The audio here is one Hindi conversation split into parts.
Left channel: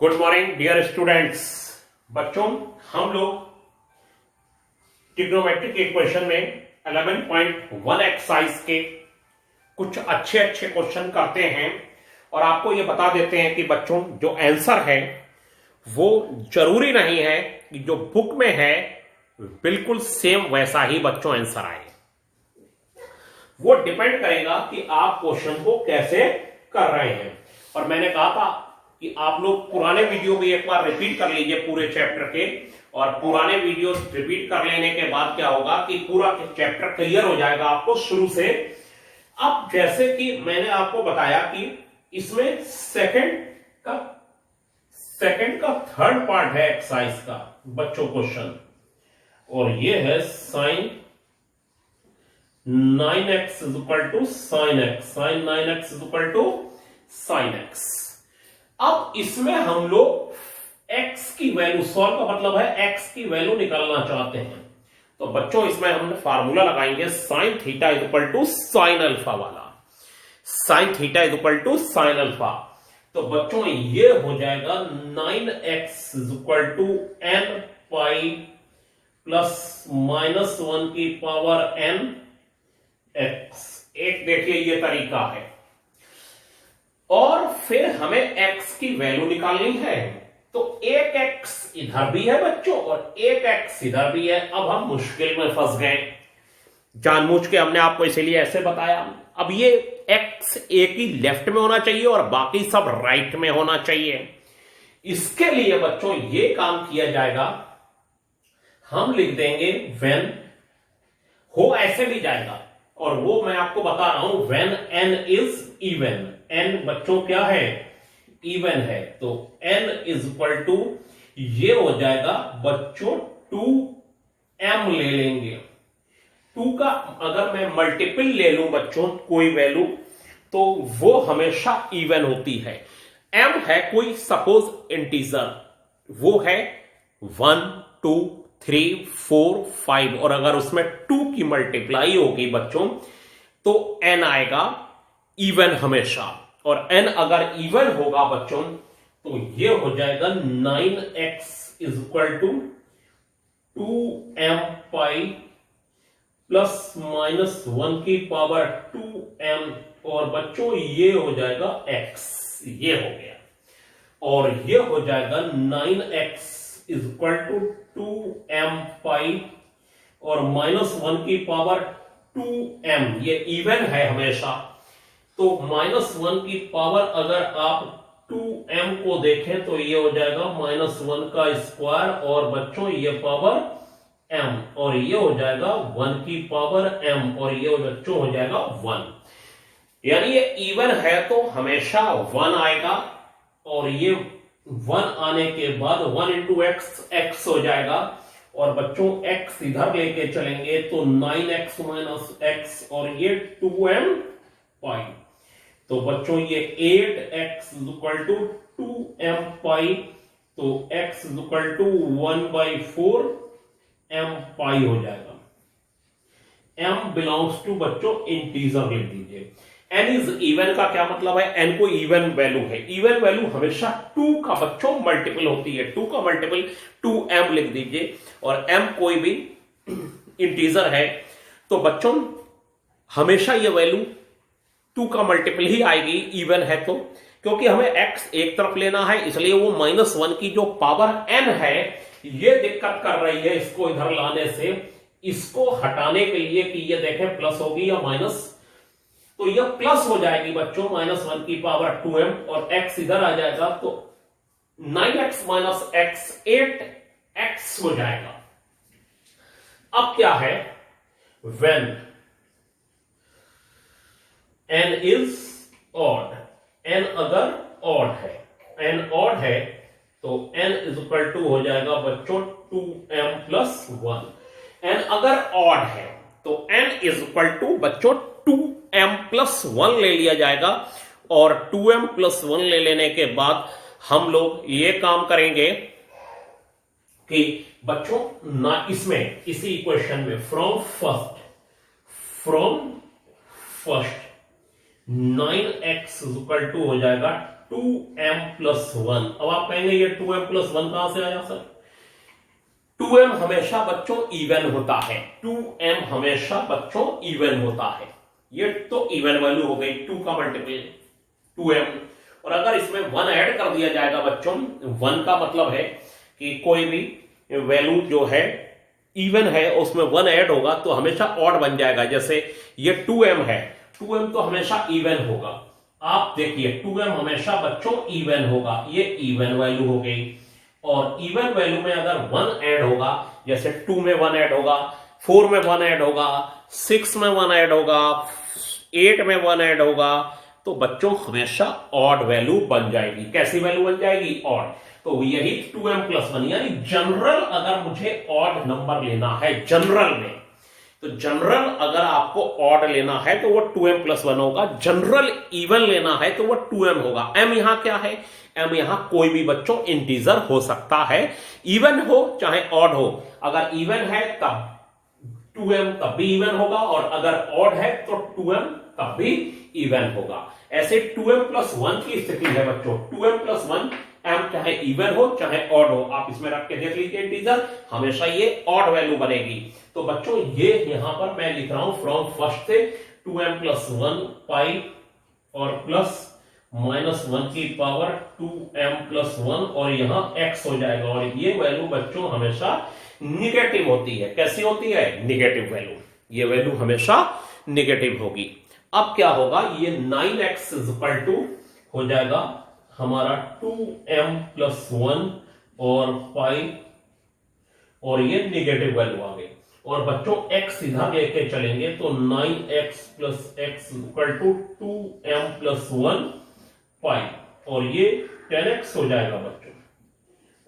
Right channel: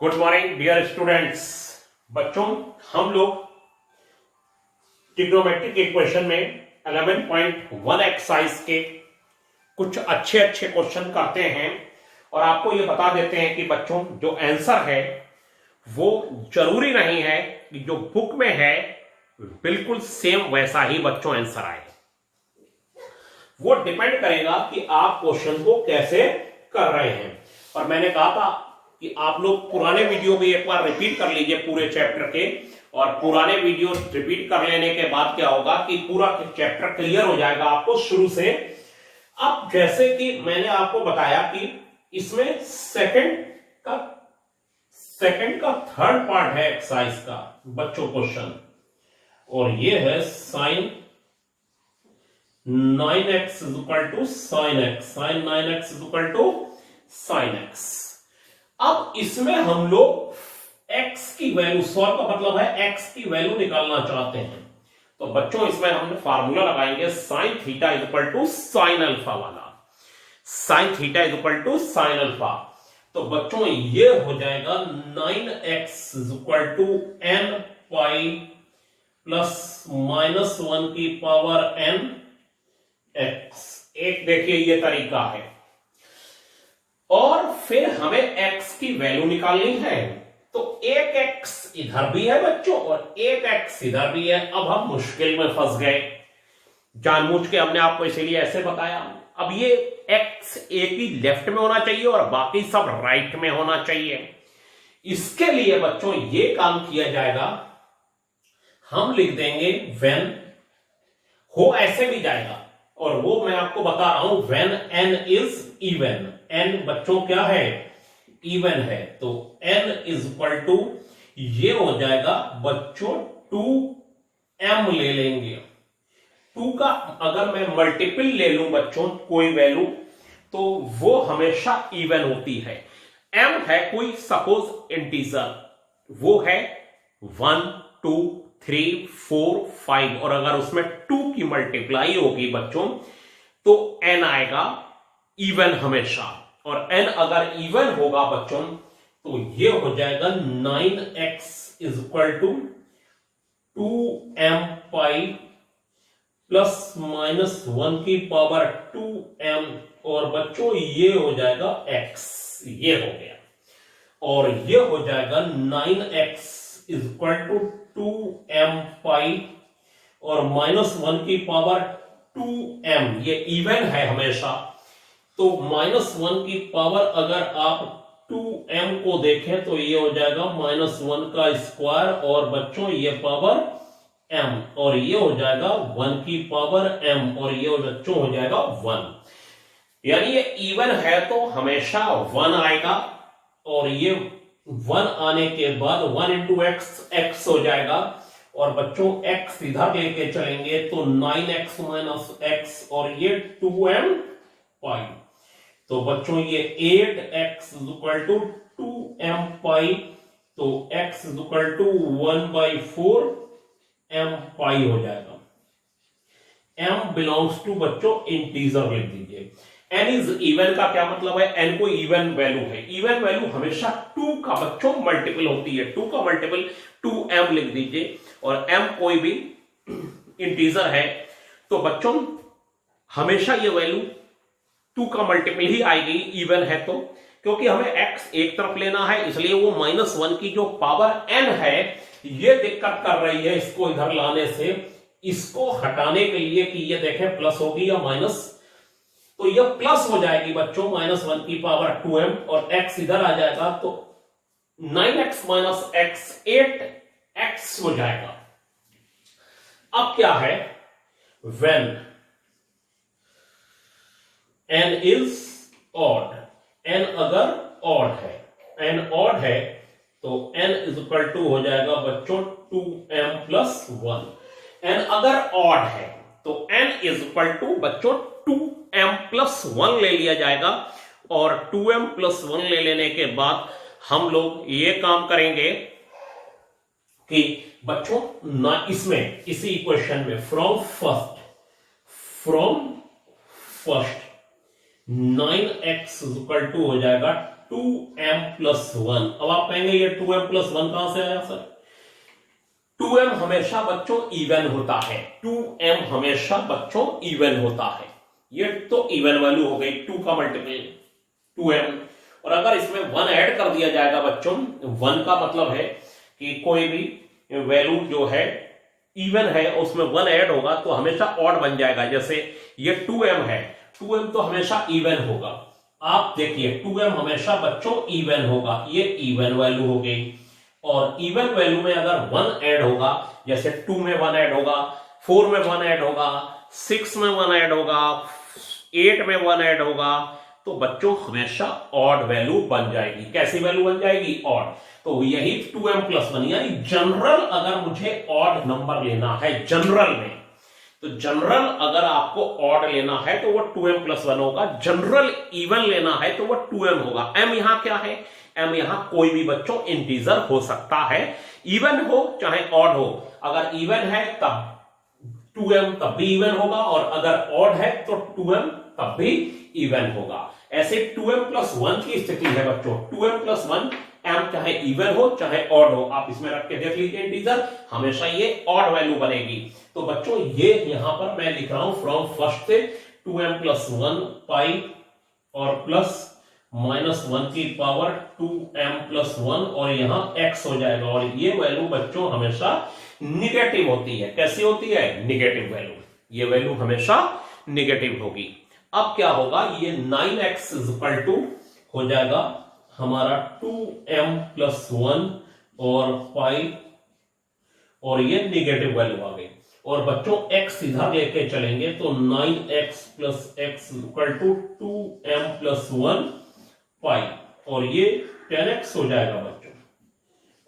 Good morning dear students. बच्चों, हम लोग ट्रिग्नोमेट्रिक इक्वेशन में 11.1 एक्सरसाइज के कुछ अच्छे अच्छे क्वेश्चन करते हैं और आपको ये बता देते हैं कि बच्चों जो आंसर है वो जरूरी नहीं है कि जो बुक में है बिल्कुल सेम वैसा ही बच्चों आंसर आए। वो डिपेंड करेगा कि आप क्वेश्चन को कैसे कर रहे हैं। और मैंने कहा था कि आप लोग पुराने वीडियो भी एक बार रिपीट कर लीजिए पूरे चैप्टर के, और पुराने वीडियो रिपीट कर लेने के बाद क्या होगा कि पूरा चैप्टर क्लियर हो जाएगा आपको शुरू से। अब जैसे कि मैंने आपको बताया कि इसमें सेकंड का थर्ड पार्ट है एक्सरसाइज का बच्चों क्वेश्चन, और ये है sine 9x is equal to sine x, sine 9x is equal to sine x. अब इसमें हम लोग x की वैल्यू, सॉल्व का मतलब है x की वैल्यू निकालना चाहते हैं। तो बच्चों इसमें हम फार्मूला लगाएंगे sine theta is equal to sine alpha वाला, sine theta is equal to sine alpha. तो बच्चों ये हो जाएगा 9x is equal to n pi plus minus 1 की पावर n x। एक देखिए ये तरीका है, और फिर हमें x की वैल्यू निकालनी है। तो एक x इधर भी है बच्चों और एक x इधर भी है। अब हम मुश्किल में फंस गए, जानबूझ के हमने आपको इसीलिए ऐसे बताया। अब ये x एक ही लेफ्ट में होना चाहिए और बाकी सब राइट में होना चाहिए। इसके लिए बच्चों ये काम किया जाएगा, हम लिख देंगे व्हेन, हो ऐसे भी जाएगा और वो मैं आपको बता रहा हूं, when n is even. n बच्चों क्या है? इवन है। तो n इज इक्वल टू, ये हो जाएगा बच्चों 2m ले लेंगे। 2 का अगर मैं मल्टीपल ले लूं बच्चों कोई वैल्यू, तो वो हमेशा इवन होती है। m है कोई सपोज इंटीजर, वो है 1 2 3 4 5, और अगर उसमें 2 की मल्टीप्लाई होगी बच्चों तो n आएगा इवन हमेशा। और n अगर इवन होगा बच्चों तो ये हो जाएगा 9x is equal to 2m pi plus minus 1 की पावर 2m, और बच्चों ये हो जाएगा x, ये हो गया। और ये हो जाएगा 9x is equal to 2m पाई और माइनस 1 की पावर 2m, ये इवन है हमेशा। तो माइनस 1 की पावर अगर आप 2m को देखें तो ये हो जाएगा माइनस 1 का स्क्वायर, और बच्चों ये पावर m, और ये हो जाएगा 1 की पावर m, और ये बच्चों हो जाएगा 1। यानी ये इवन है तो हमेशा 1 आएगा, और ये 1 आने के बाद 1 इंटू x हो जाएगा, और बच्चों x इधर लेके चलेंगे तो 9x माइनस x, और ये 2m पाई। तो बच्चों ये 8x is equal to 2m pi, तो x is equal to 1/4 m pi हो जाएगा। m बिलोंग्स टू बच्चों इंटीजर लिख दीजिए। n इज इवन का क्या मतलब है? n को इवन वैल्यू है, इवन वैल्यू हमेशा 2 का बच्चों मल्टीपल होती है। 2 का मल्टीपल 2m लिख दीजिए, और m कोई भी इंटीजर है तो बच्चों हमेशा ये वैल्यू 2 का मल्टीपल ही आएगी, इवन है तो। क्योंकि हमें x एक तरफ लेना है, इसलिए वो माइनस 1 की जो पावर n है ये दिक्कत कर रही है इसको इधर लाने से। इसको हटाने के लिए कि ये देखें प्लस होगी या माइनस, तो ये प्लस हो जाएगी बच्चों माइनस 1 की पावर 2m, और x इधर आ जाएगा तो 9x माइनस x 8x हो जाएगा। अब क्या है? when n is odd, n अगर odd है, n odd है तो n इज इक्वल टू हो जाएगा बच्चों 2m प्लस 1। n अगर odd है तो n इज इक्वल टू बच्चों 2m प्लस 1 ले लिया जाएगा, और 2m प्लस 1 ले लेने के बाद हम लोग ये काम करेंगे कि बच्चों ना इसमें इसी इक्वेशन में from first 9x is equal to हो जाएगा 2m+1। अब आप कहेंगे ये 2m+1 कहां से आया सर? 2m हमेशा बच्चों इवन होता है, 2m हमेशा बच्चों इवन होता है। ये तो इवन वैल्यू हो गई, 2 का मल्टीपल 2m। और अगर इसमें 1 ऐड कर दिया जाएगा बच्चों, 1 का मतलब है कि कोई भी वैल्यू जो है इवन है उसमें 1 ऐड होगा तो हमेशा ऑड बन जाएगा। जैसे ये 2m है, 2m तो हमेशा इवन होगा। आप देखिए 2m हमेशा बच्चों इवन होगा, ये इवन वैल्यू हो गई। और इवन वैल्यू में अगर 1 ऐड होगा, जैसे 2 में 1 ऐड होगा, 4 में 1 ऐड होगा, 6 में 1 ऐड होगा, 8 में 1 ऐड होगा, तो बच्चों हमेशा ऑड वैल्यू बन जाएगी। कैसी वैल्यू बन जाएगी? ऑड। तो यही 2m+1, यानी जनरल अगर मुझे ऑड नंबर लेना है जनरल में, तो जनरल अगर आपको ऑड लेना है तो वो 2m+1 होगा। जनरल इवन लेना है तो वो 2m होगा। m यहां क्या है? m यहां कोई भी बच्चों इंटीजर हो सकता है, इवन हो चाहे ऑड हो। अगर इवन है तब 2m तब भी इवन होगा, और अगर ऑड है तो 2m तब भी इवन होगा। ऐसे 2m+1 की स्थिति है बच्चों। 2m+1 m चाहे इवन हो चाहे ऑड हो, आप इसमें रख के देख लीजिए इंटीजर, हमेशा ये ऑड वैल्यू बनेगी। तो बच्चों ये यहां पर मैं लिख रहा हूं फ्रॉम फर्स्ट से 2m+1 पाई और प्लस -1 की पावर 2m+1, और यहां x हो जाएगा। और ये वैल्यू बच्चों हमेशा निगेटिव होती है। कैसी होती है? Negative value. ये वैल्यू हमेशा निगेटिव होगी। अब क्या होगा? ये 9x हो जाएगा हमारा 2m+1 और पाई, और ये निगेटिव वैल्यू आ गई। और बच्चों x इधर लेके चलेंगे तो 9x + x = 2m+1 पाई, और ये 10x हो जाएगा बच्चों,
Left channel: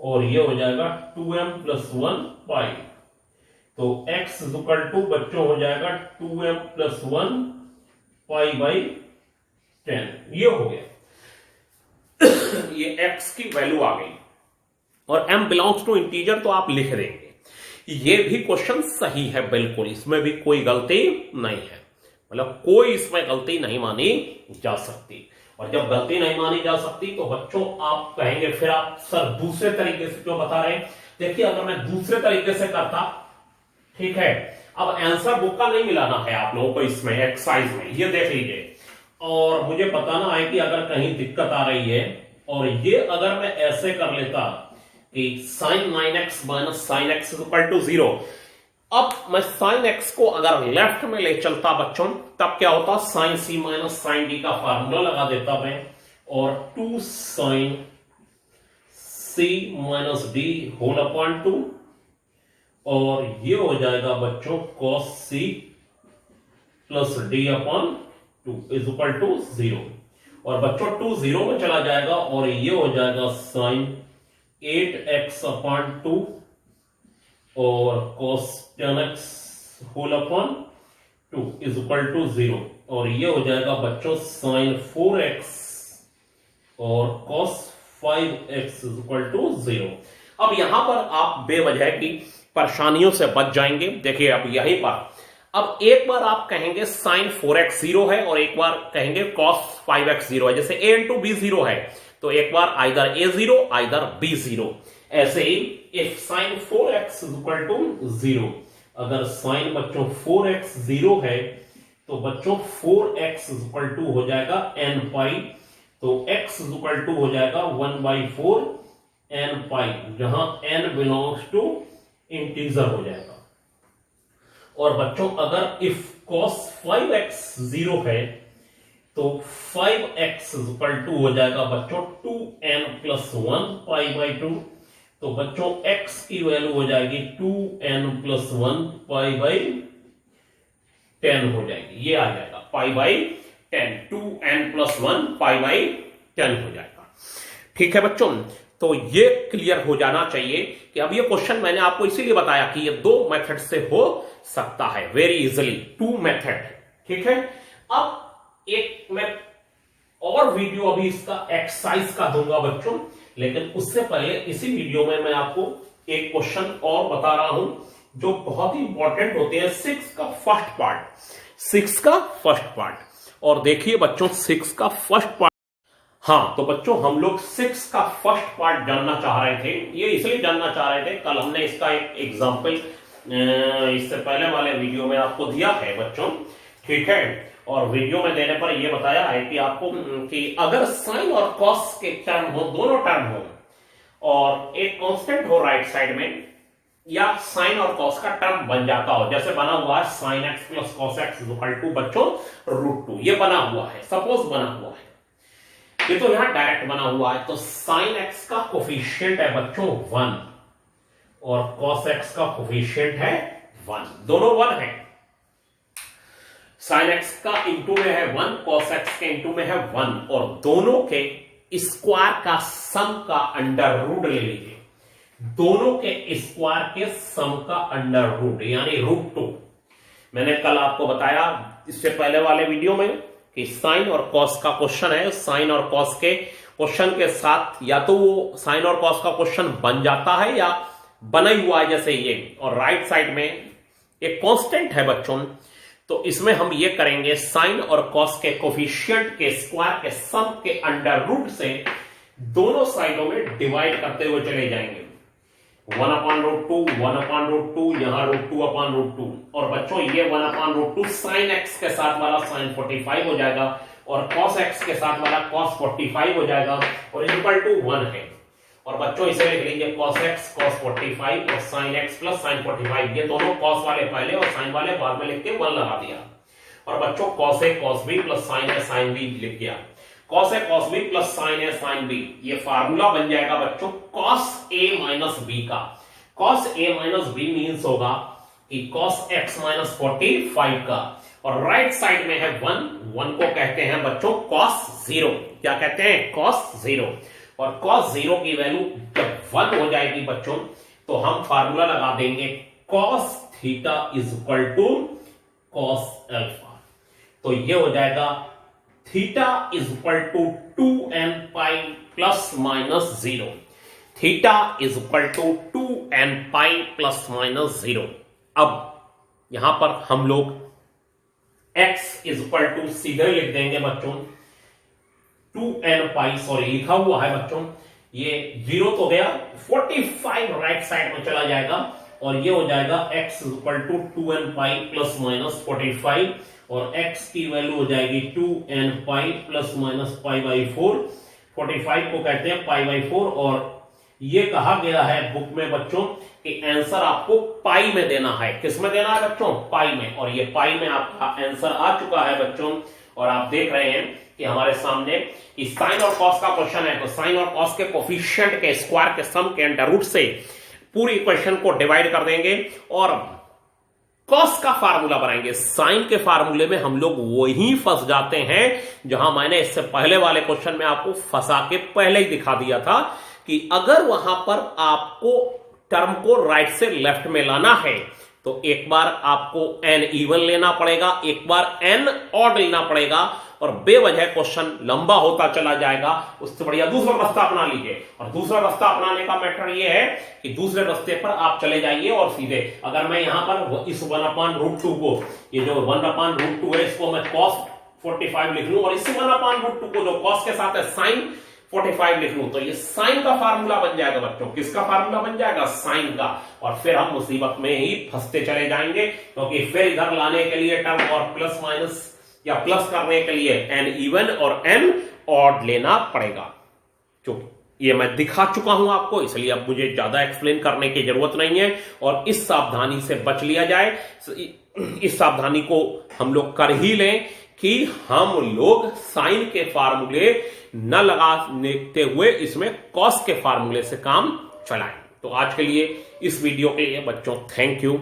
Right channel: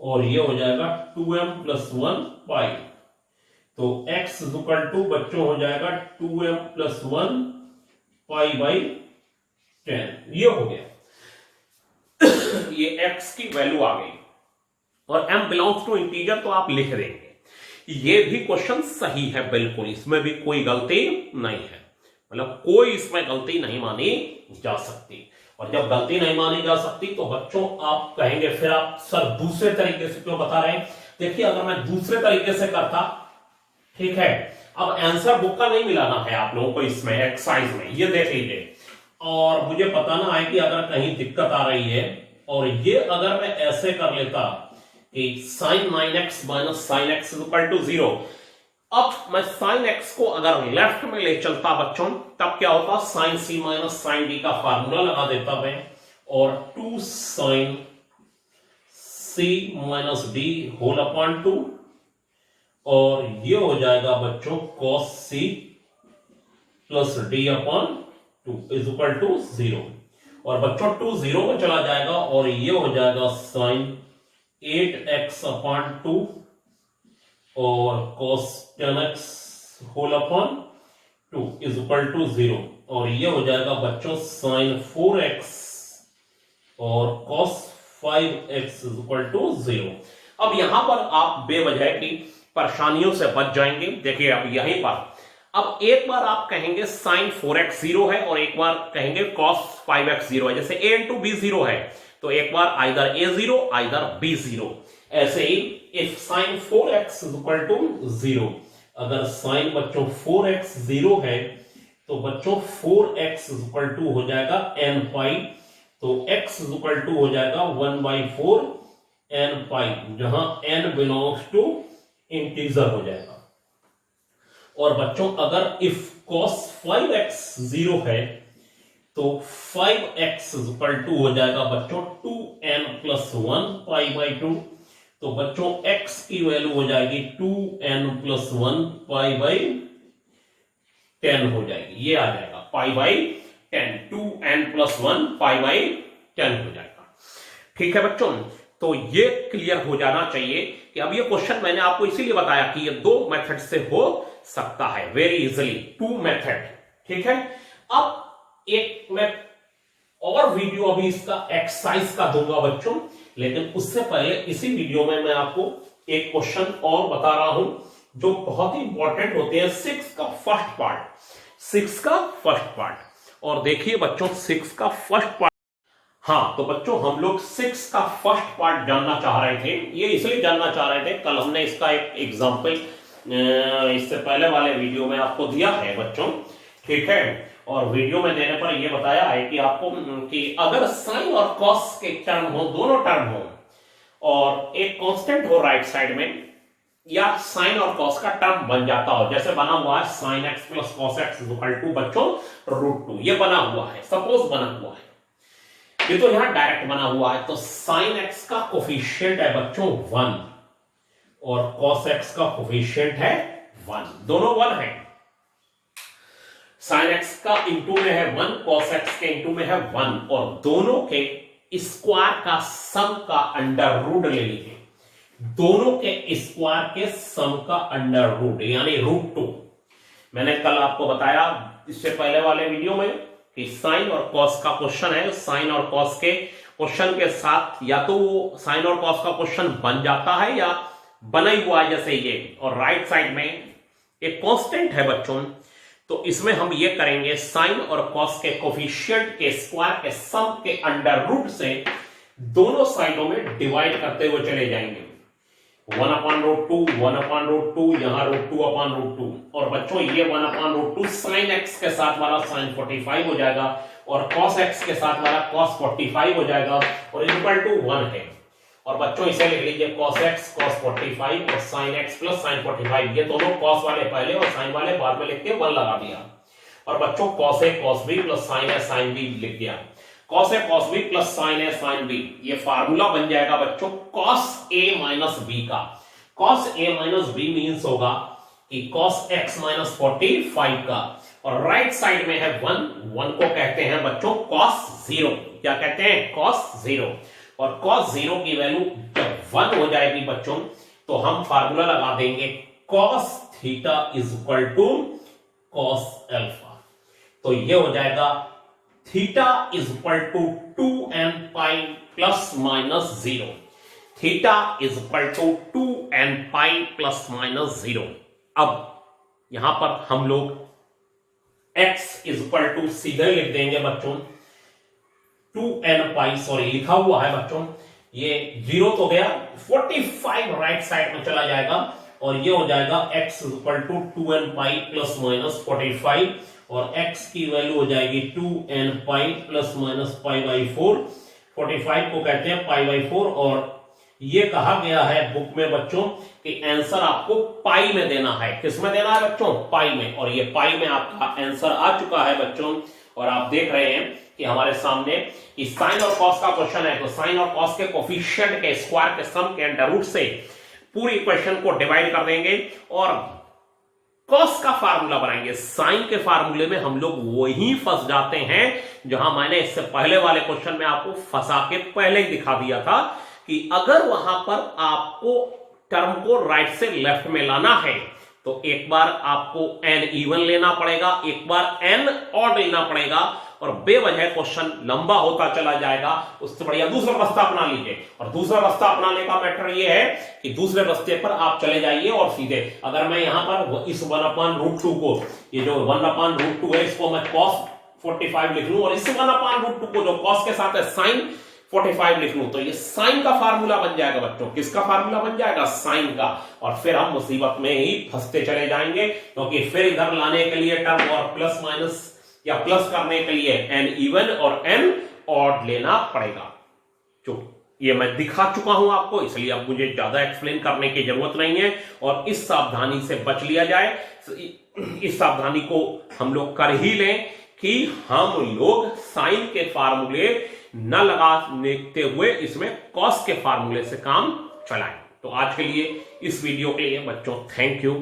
और ये हो जाएगा 2m+1 पाई। तो x बच्चों हो जाएगा 2m+1 पाई बाई 10। ये हो गया, ये x की वैल्यू आ गई। और m बिलोंग्स टू इंटीजर तो आप लिख देंगे। ये भी क्वेश्चन सही है बिल्कुल, इसमें भी कोई गलती नहीं है, मतलब कोई इसमें गलती नहीं मानी जा सकती। और जब गलती नहीं मानी जा सकती तो बच्चों आप कहेंगे फिर आप सर दूसरे तरीके से क्यों बता रहे हैं? देखिए अगर मैं दूसरे तरीके से करता, ठीक है, अब आंसर बुक का नहीं मिलाना है आप लोगों को इसमें एक्सरसाइज में, ये देख लीजिए, और मुझे बताना है कि अगर कहीं दिक्कत आ रही है। और ये अगर मैं ऐसे कर लेता कि sin 9x - sin x = 0, अब मैं sin x को अगर लेफ्ट में ले चलता बच्चों, तब क्या होता? sin c - sin d का फार्मूला लगा देता मैं, और 2 sin c - d होल 2, और ये हो जाएगा बच्चों cos c + d/2 = 0। और बच्चों 2 0 में चला जाएगा, और ये हो जाएगा sin 8x/2 और cos 10x होल 2 = 0। और ये हो जाएगा बच्चों sin 4x और cos 5x = 0। अब यहां पर आप बेवजह की परेशानियों से बच जाएंगे। देखिए अब यहीं पर, अब एक बार आप कहेंगे sin 4x 0 है, और एक बार कहेंगे cos 5x 0 है। जैसे a × b 0 है, तो एक बार आइदर a 0 आइदर b 0। ऐसे ही if sin 4x = 0, अगर sin बच्चों 4x 0 है तो बच्चों 4x = हो जाएगा n पाई, तो x = हो जाएगा 1/4 n पाई, जहां n बिलोंग्स टू इंटीजर हो जाएगा। और बच्चों अगर if cos 5x 0 है तो 5x = हो जाएगा बच्चों 2n+1 π/2, तो बच्चों x की वैल्यू हो जाएगी 2n+1 π/10 हो जाएगी। ये आ जाएगा π/10, 2n+1 π/10 हो जाएगा। ठीक है बच्चों, तो ये क्लियर हो जाना चाहिए कि अब ये क्वेश्चन मैंने आपको इसीलिए बताया कि ये 2 मेथड से हो सकता है, वेरी इजीली 2 मेथड। ठीक है, अब एक मैं और वीडियो अभी इसका एक्सरसाइज का दूंगा बच्चों, लेकिन उससे पहले इसी वीडियो में मैं आपको एक क्वेश्चन और बता रहा हूं जो बहुत ही इंपॉर्टेंट होते हैं। 6 का फर्स्ट पार्ट, और देखिए बच्चों 6 का फर्स्ट पार्ट हाँ, तो बच्चों हम लोग 6 का फर्स्ट पार्ट जानना चाह रहे थे। ये इसलिए जानना चाह रहे थे, कल हमने इसका एक एग्जाम्पल इससे पहले वाले वीडियो में आपको दिया है बच्चों, ठीक है। और वीडियो में देने पर यह बताया है कि आपको कि अगर साइन और कॉस के टर्म हो, दोनों टर्म हो, और एक कांस्टेंट हो राइट साइड में, या साइन और कॉस का टर्म बन जाता हो, जैसे बना हुआ है sine x plus cos x equal to बच्चों √2, ये बना हुआ है, सपोज बना हुआ है, ये तो यहां डायरेक्ट बना हुआ है। तो साइन एक्स का कोफिशिएंट है बच्चों 1 और कॉस एक्स का कोफिशिएंट है 1, दोनों 1 है। साइन एक्स का इंटू में है 1, कॉस एक्स के इंटू में है 1, और दोनों के स्क्वायर का सम का अंडर रूट ले लीजिए, दोनों के स्क्वायर के सम का अंडर रूट यानी √2। मैंने कल आपको बताया इससे पहले वाले वीडियो में कि साइन और कॉस का क्वेश्चन है, साइन और कॉस के क्वेश्चन के साथ या तो वो साइन और कॉस का क्वेश्चन बन जाता है या बना ही हुआ है जैसे ये, और राइट साइड में एक कांस्टेंट है बच्चों। तो इसमें हम ये करेंगे साइन और कॉस के कोफिशिएंट के स्क्वायर के सम के अंडर रूट से दोनों साइडों में डिवाइड करते हुए चले जाएंगे। 1/√2, 1/√2, यहां √2/√2, और बच्चों ये 1/√2 साइन एक्स के साथ वाला साइन 45 हो जाएगा, और कॉस एक्स के साथ वाला कॉस 45 हो जाएगा, और इक्वल टू 1 है। और बच्चों इसे लिख लीजिए cos x cos 45 और sin x प्लस sin 45, ये दोनों cos वाले पहले और sin वाले बाद में लिख के 1 लगा दिया। और बच्चों cos a cos b plus sin a sin b लिख दिया। cos a cos b plus sin a sin b, ये फार्मूला बन जाएगा बच्चों cos a माइनस b का। cos a minus b means होगा कि cos x माइनस 45 का, और राइट साइड में है 1 को कहते हैं बच्चों cos 0। क्या कहते हैं? cos 0। और cos 0 की वैल्यू जब 1 हो जाएगी बच्चों तो हम फार्मूला लगा देंगे cos theta is equal to cos alpha. तो ये हो जाएगा theta is equal to 2n pi plus minus 0। Theta is equal to 2n pi plus minus 0। अब यहां पर हम लोग x इज इक्वल टू सीधे लिख देंगे बच्चों 2n पाई, सॉरी लिखा हुआ है बच्चों, ये 0 तो गया, 45 राइट साइड में चला जाएगा, और ये हो जाएगा x equal to 2n pi plus minus 45, और x की वैल्यू हो जाएगी 2n pi plus minus pi by 4। 45 को कहते हैं पाई बाई 4, और ये कहा गया है बुक में बच्चों कि आंसर आपको पाई में देना है। किस में देना है बच्चों? पाई में। और ये पाई में आपका आंसर आ चुका है बच्चों, और आप देख रहे हैं कि हमारे सामने कि साइन और कॉस का क्वेश्चन है, तो साइन और कॉस के कोफिशिएंट के स्क्वायर के सम के अंडर रूट से पूरी इक्वेशन को डिवाइड कर देंगे और कॉस का फार्मूला बनाएंगे। साइन के फार्मूले में हम लोग वही फंस जाते हैं जहां मैंने इससे पहले वाले क्वेश्चन में आपको फंसा के पहले ही दिखा दिया था कि अगर वहां पर आपको टर्म को राइट से लेफ्ट में लाना है तो एक बार आपको n इवन लेना पड़ेगा, एक बार n ऑड लेना पड़ेगा, और बेवजह क्वेश्चन लंबा होता चला जाएगा। उससे बढ़िया दूसरा रास्ता अपना लीजिए, और दूसरा रास्ता अपनाने का मैटर ये है कि दूसरे रास्ते पर आप चले जाइए और सीधे, अगर मैं यहां पर इस 1/√2 को, ये जो 1/√2 है इसको मैं cos 45 लिख लूं, और इस 1/√2 को जो cos के साथ है sin 45 लिख लूं, तो ये साइन का फार्मूला बन जाएगा बच्चों। किसका फार्मूला बन जाएगा? साइन का। और फिर हम मुसीबत में ही फंसते चले जाएंगे, क्योंकि फिर इधर लाने के लिए टर्म और प्लस माइनस या प्लस करने के लिए n इवन और n ऑड लेना पड़ेगा। जो ये मैं दिखा चुका हूं आपको, इसलिए अब मुझे ज्यादा एक्सप्लेन करने की जरूरत नहीं है, और इस सावधानी से बच लिया जाए। इस सावधानी को हम लोग कर ही लें कि हम लोग साइन के फार्मूले न लगाते हुए इसमें कॉस के फार्मूले से काम चलाएं। तो आज के लिए इस वीडियो के लिए बच्चों थैंक यू।